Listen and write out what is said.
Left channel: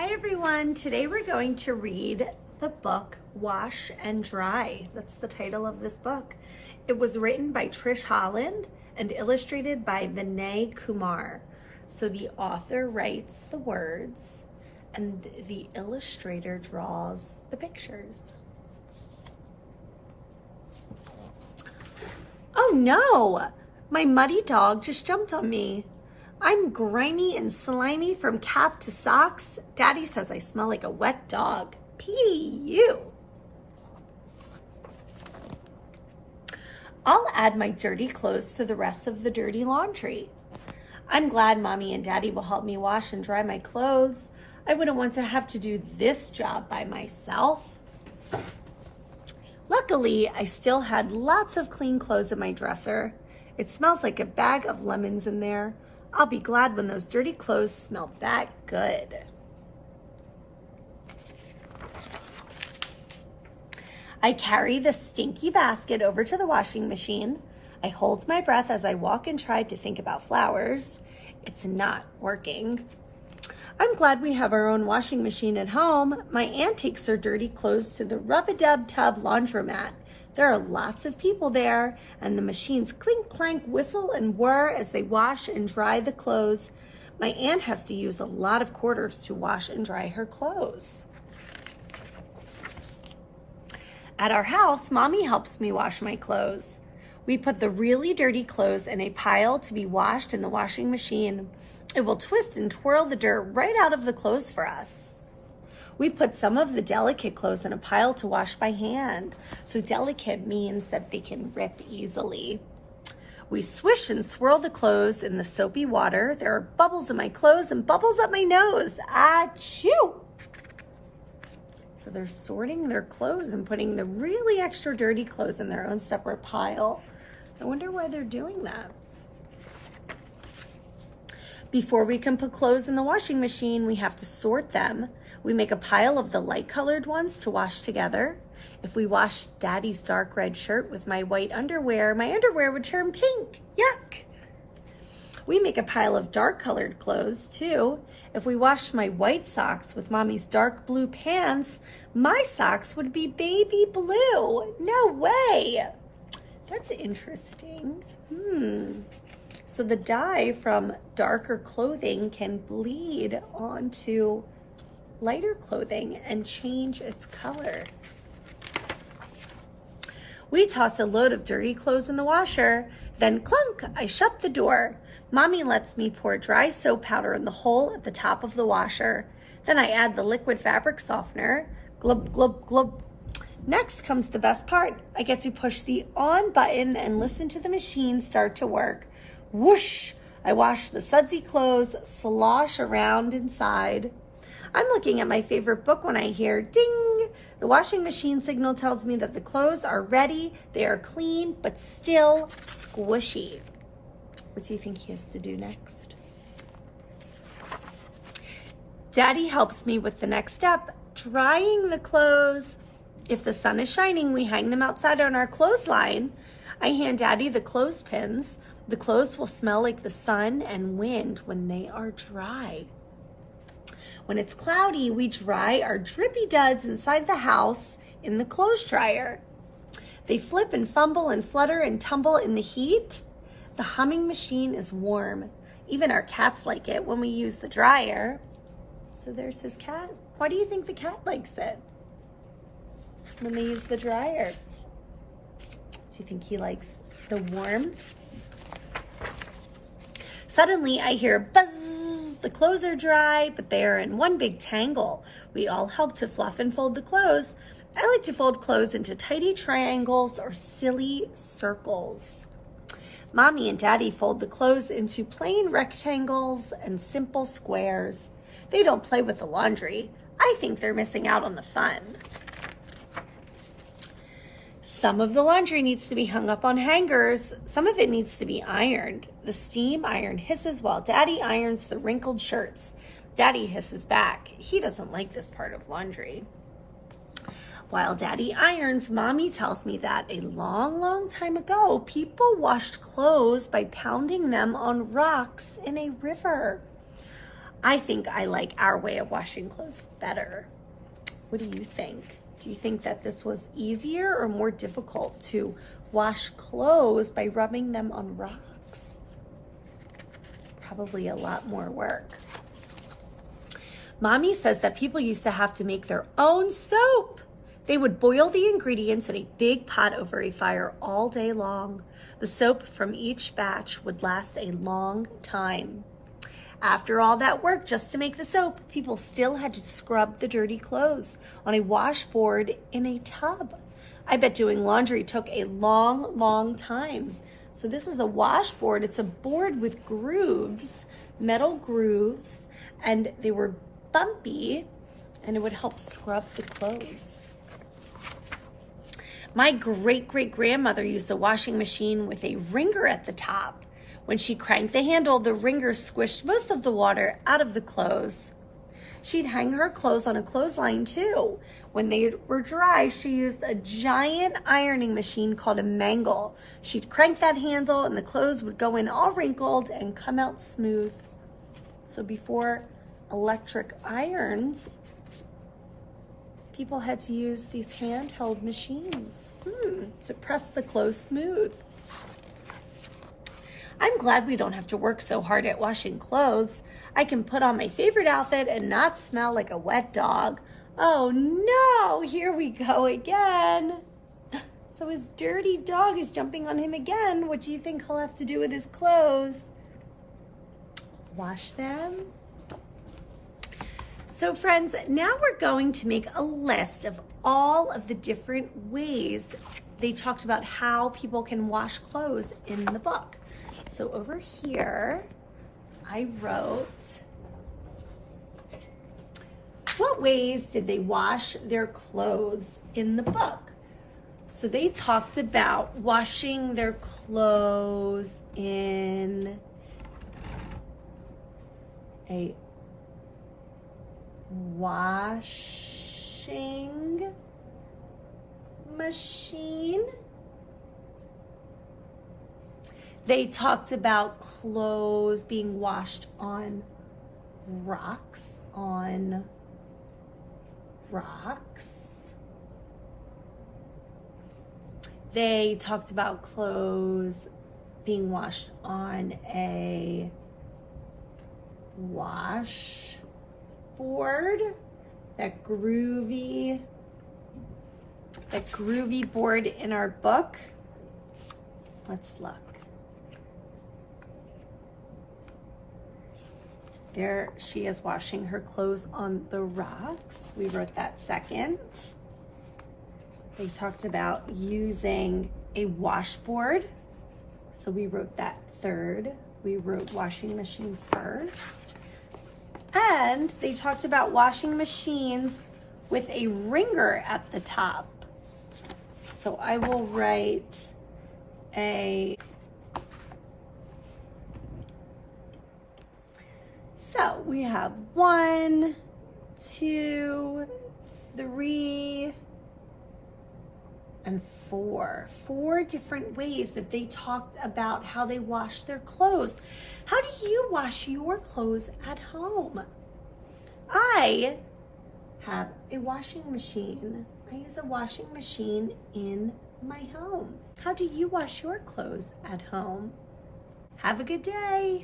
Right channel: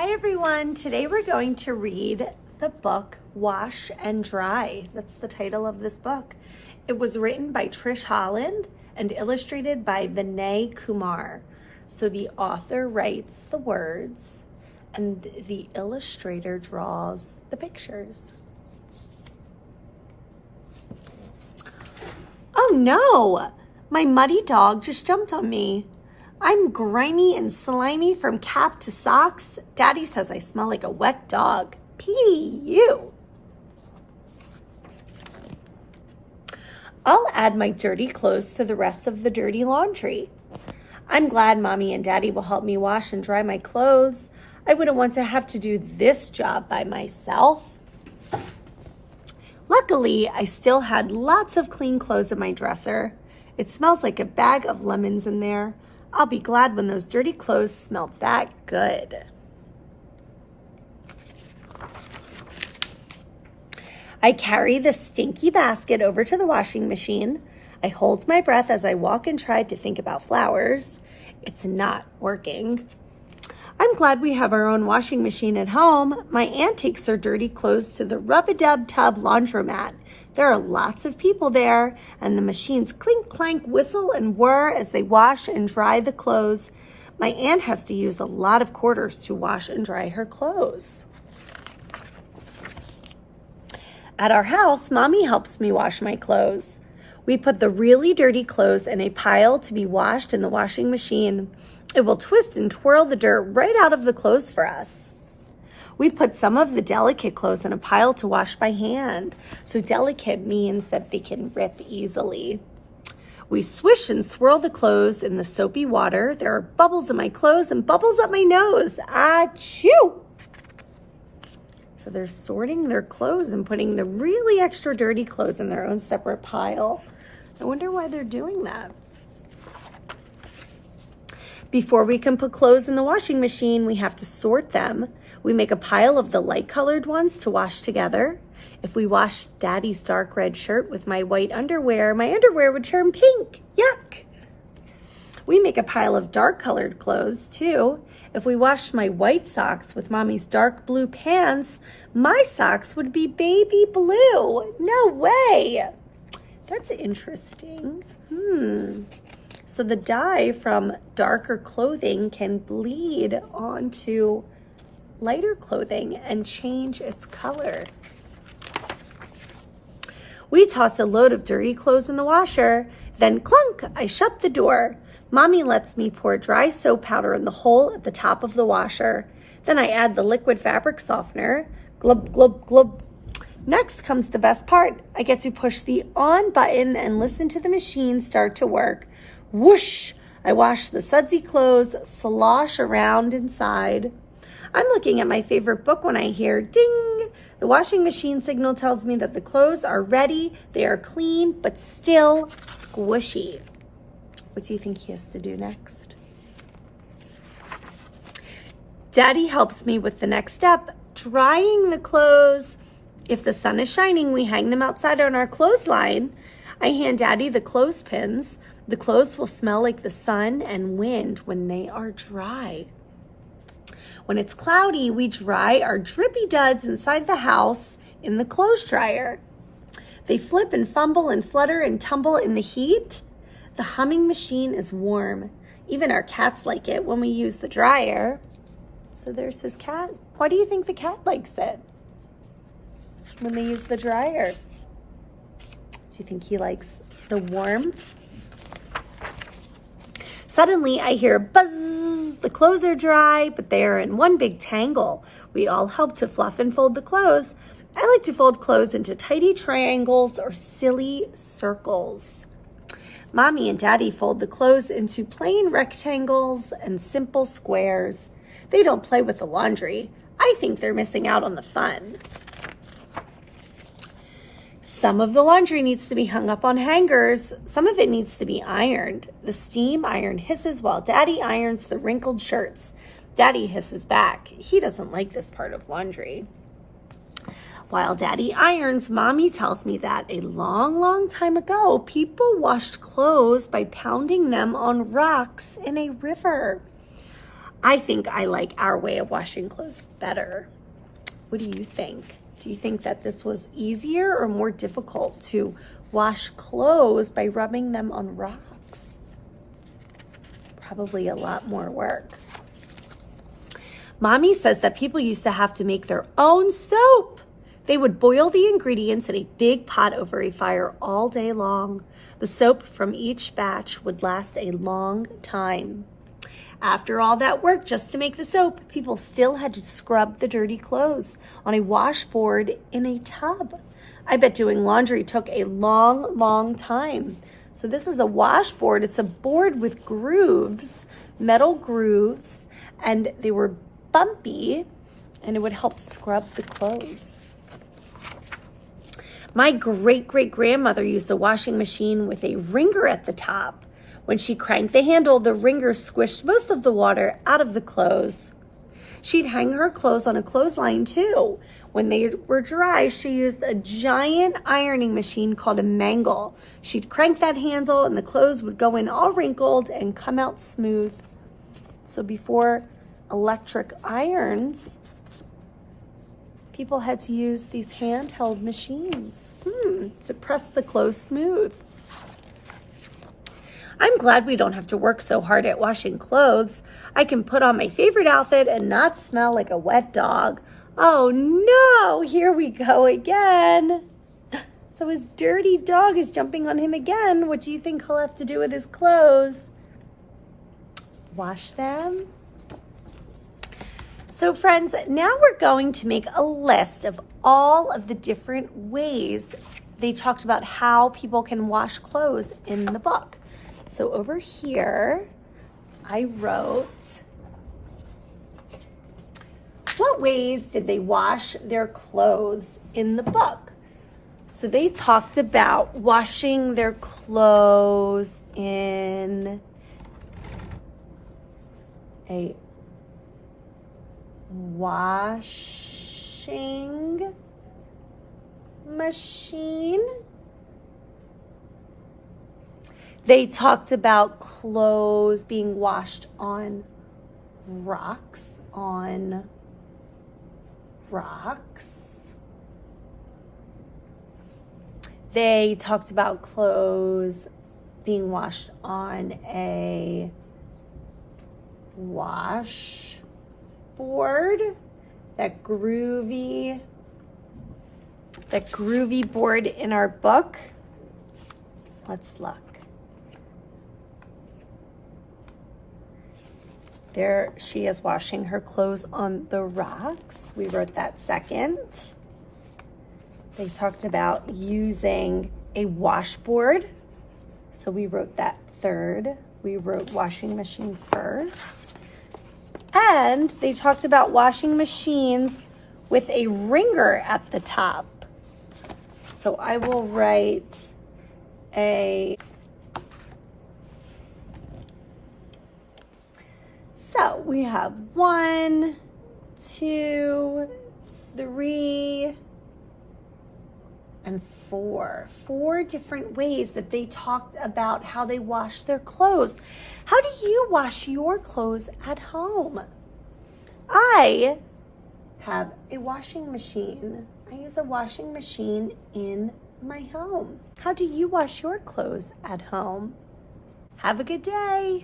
Hi everyone, today we're going to read the book Wash and Dry. That's the title of this book. It was written by Trish Holland and illustrated by Vinay Kumar. So the author writes the words and the illustrator draws the pictures. Oh no, my muddy dog just jumped on me. I'm grimy and slimy from cap to socks. Daddy says I smell like a wet dog. P.U. I'll add my dirty clothes to the rest of the dirty laundry. I'm glad Mommy and Daddy will help me wash and dry my clothes. I wouldn't want to have to do this job by myself. Luckily, I still had lots of clean clothes in my dresser. It smells like a bag of lemons in there. I'll be glad when those dirty clothes smell that good. I carry the stinky basket over to the washing machine. I hold my breath as I walk and try to think about flowers. It's not working. I'm glad we have our own washing machine at home. My aunt takes her dirty clothes to the rub-a-dub-tub laundromat. There are lots of people there, and the machines clink, clank, whistle, and whir as they wash and dry the clothes. My aunt has to use a lot of quarters to wash and dry her clothes. At our house, Mommy helps me wash my clothes. We put the really dirty clothes in a pile to be washed in the washing machine. It will twist and twirl the dirt right out of the clothes for us. We put some of the delicate clothes in a pile to wash by hand. So delicate means that they can rip easily. We swish and swirl the clothes in the soapy water. There are bubbles in my clothes and bubbles up my nose. Achoo! So they're sorting their clothes and putting the really extra dirty clothes in their own separate pile. I wonder why they're doing that. Before we can put clothes in the washing machine, we have to sort them. We make a pile of the light-colored ones to wash together. If we wash Daddy's dark red shirt with my white underwear, my underwear would turn pink. Yuck! We make a pile of dark-colored clothes, too. If we washed my white socks with Mommy's dark blue pants, my socks would be baby blue. No way! That's interesting. So the dye from darker clothing can bleed onto lighter clothing and change its color. We toss a load of dirty clothes in the washer, then clunk, I shut the door. Mommy lets me pour dry soap powder in the hole at the top of the washer. Then I add the liquid fabric softener. Glub, glub, glub. Next comes the best part. I get to push the on button and listen to the machine start to work. Whoosh! I wash the sudsy clothes, slosh around inside. I'm looking at my favorite book when I hear ding. The washing machine signal tells me that the clothes are ready. They are clean, but still squishy. What do you think he has to do next? Daddy helps me with the next step, drying the clothes. If the sun is shining, we hang them outside on our clothesline. I hand Daddy the clothespins. The clothes will smell like the sun and wind when they are dry. When it's cloudy, we dry our drippy duds inside the house in the clothes dryer. They flip and fumble and flutter and tumble in the heat. The humming machine is warm. Even our cats like it when we use the dryer. So there's his cat. Why do you think the cat likes it when they use the dryer? Do you think he likes the warmth? Suddenly, I hear buzz. The clothes are dry, but they are in one big tangle. We all help to fluff and fold the clothes. I like to fold clothes into tidy triangles or silly circles. Mommy and Daddy fold the clothes into plain rectangles and simple squares. They don't play with the laundry. I think they're missing out on the fun. Some of the laundry needs to be hung up on hangers. Some of it needs to be ironed. The steam iron hisses while Daddy irons the wrinkled shirts. Daddy hisses back. He doesn't like this part of laundry. While Daddy irons, Mommy tells me that a long, long time ago, people washed clothes by pounding them on rocks in a river. I think I like our way of washing clothes better. What do you think? Do you think that this was easier or more difficult to wash clothes by rubbing them on rocks? Probably a lot more work. Mommy says that people used to have to make their own soap. They would boil the ingredients in a big pot over a fire all day long. The soap from each batch would last a long time. After all that work just to make the soap, people still had to scrub the dirty clothes on a washboard in a tub. I bet doing laundry took a long, long time. So this is a washboard. It's a board with grooves, metal grooves, and they were bumpy, and it would help scrub the clothes. My great-great-grandmother used a washing machine with a wringer at the top. When she cranked the handle, the wringer squished most of the water out of the clothes. She'd hang her clothes on a clothesline too. When they were dry, she used a giant ironing machine called a mangle. She'd crank that handle and the clothes would go in all wrinkled and come out smooth. So before electric irons, people had to use these handheld machines to press the clothes smooth. I'm glad we don't have to work so hard at washing clothes. I can put on my favorite outfit and not smell like a wet dog. Oh no, here we go again. So his dirty dog is jumping on him again. What do you think he'll have to do with his clothes? Wash them? So friends, now we're going to make a list of all of the different ways they talked about how people can wash clothes in the book. So over here, I wrote, what ways did they wash their clothes in the book? So they talked about washing their clothes in a washing machine. They talked about clothes being washed on rocks, They talked about clothes being washed on a washboard, that groovy board in our book. Let's look. There she is washing her clothes on the rocks. We wrote that second. They talked about using a washboard. So we wrote that third. We wrote washing machine first. And they talked about washing machines with a wringer at the top. So I will write So we have 1, 2, 3, and 4. 4 different ways that they talked about how they wash their clothes. How do you wash your clothes at home? I have a washing machine. I use a washing machine in my home. How do you wash your clothes at home? Have a good day.